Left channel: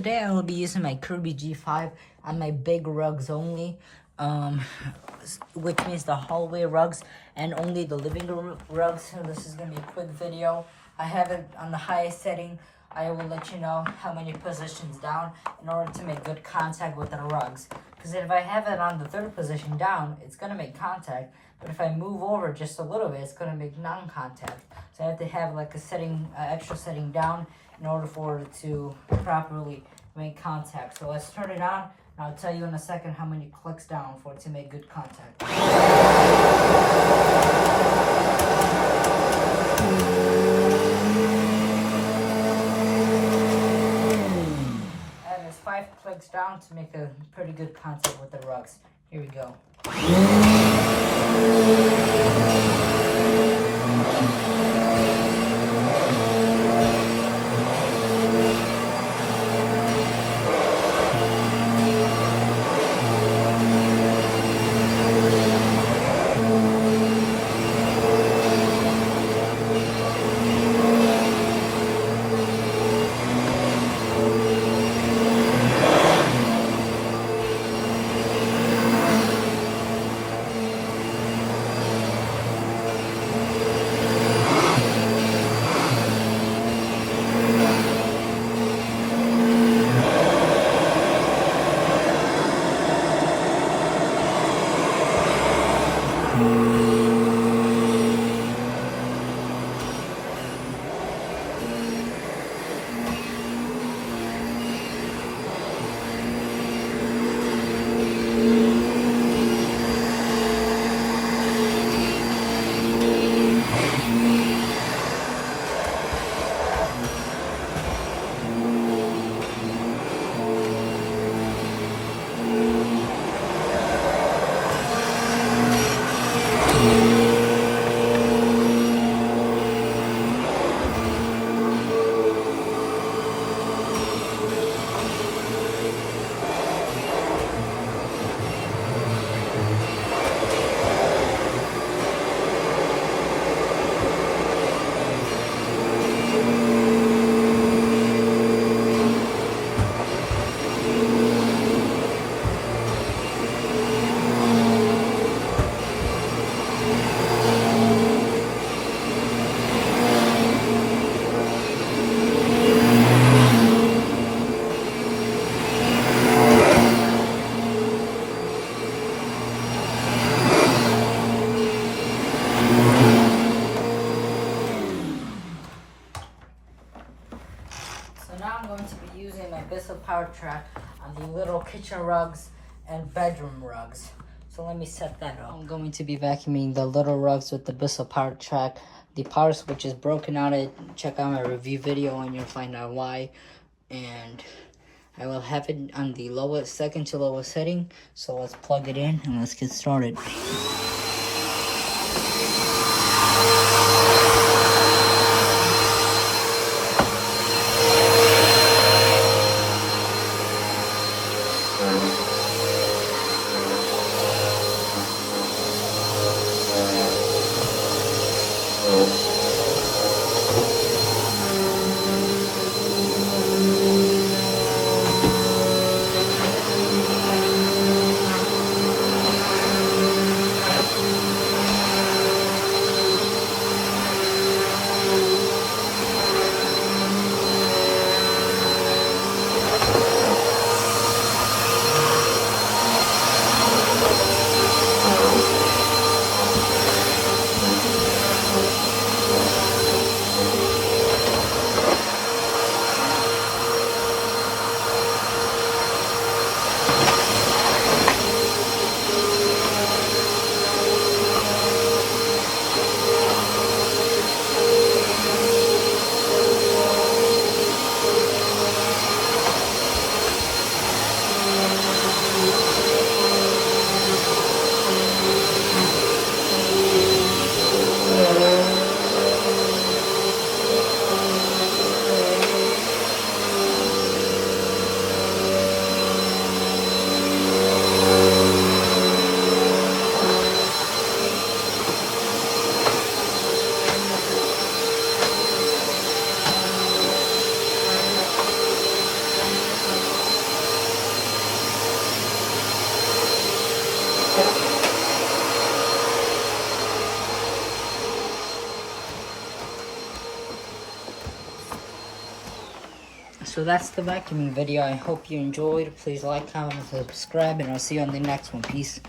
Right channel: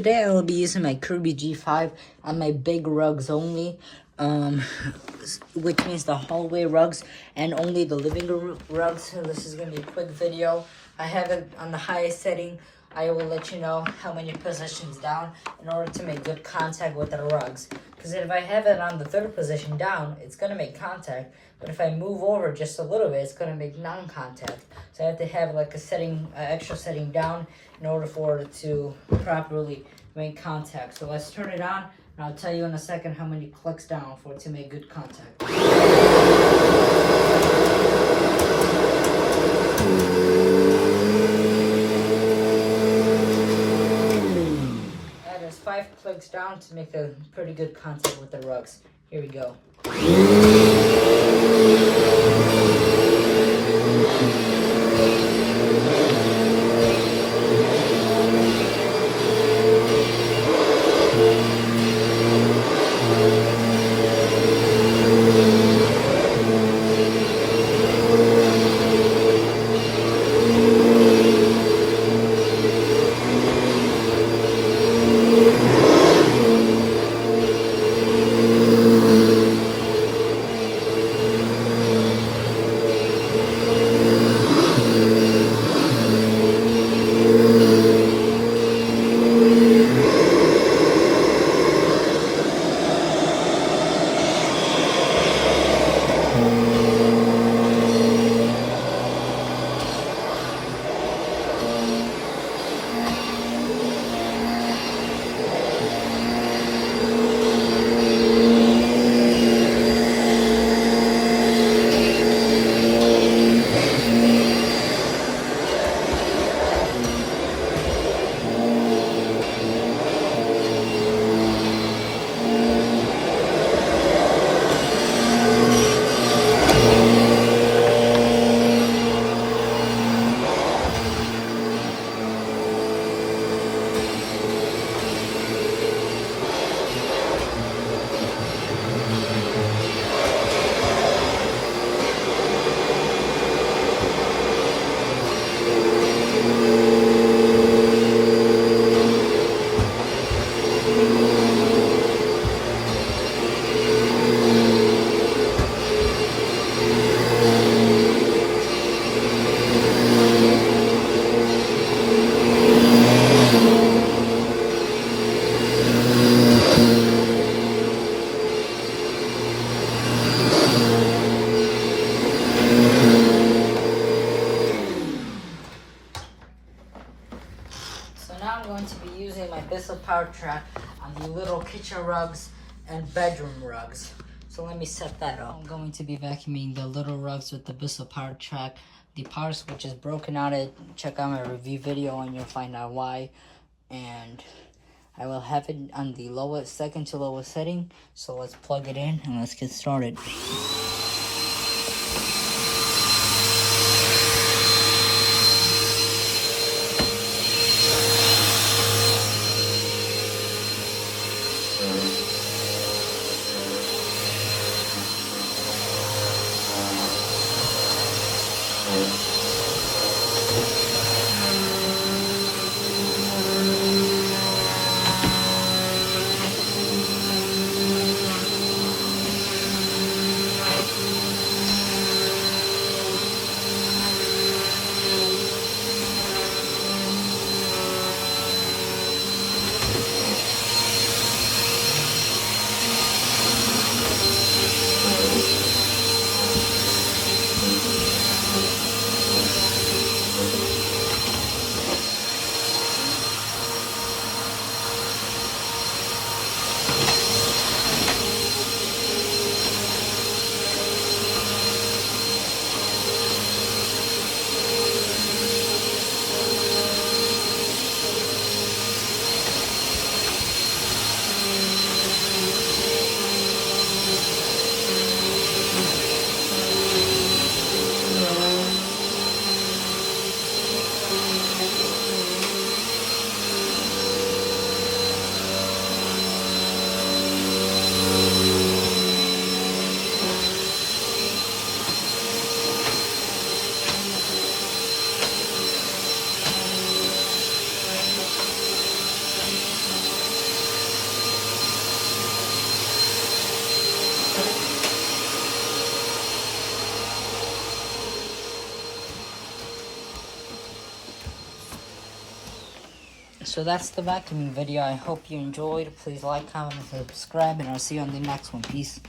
today I will be using my Kirby G5 on my big rugs only, which means the hallway rugs and only the living room rugs. So this is going to be a quick video. I have it on the highest setting. I will let you know how many positions down in order to make good contact with the rugs. Because if I have it on the third position down, it's going to make contact. But if I move over just a little bit, it's going to make non-contact. So I have to have like a setting, extra setting down in order for it to properly make contact. So let's turn it on, and I'll tell you in a second how many clicks down for it to make good contact. That is 5 clicks down to make a pretty good contact with the rugs. Here we go. So now I'm going to be using my Bissell power track on the little kitchen rugs and bedroom rugs. So let me set that up. I'm going to be vacuuming the little rugs with the Bissell power track. The power switch is broken out. Check out my review video and you'll find out why. And I will have it on the lowest, second to lowest setting. So let's plug it in and let's get started. So that's the vacuuming video. I hope you enjoyed. Please like, comment, and subscribe, and I'll see you on the next one. Peace.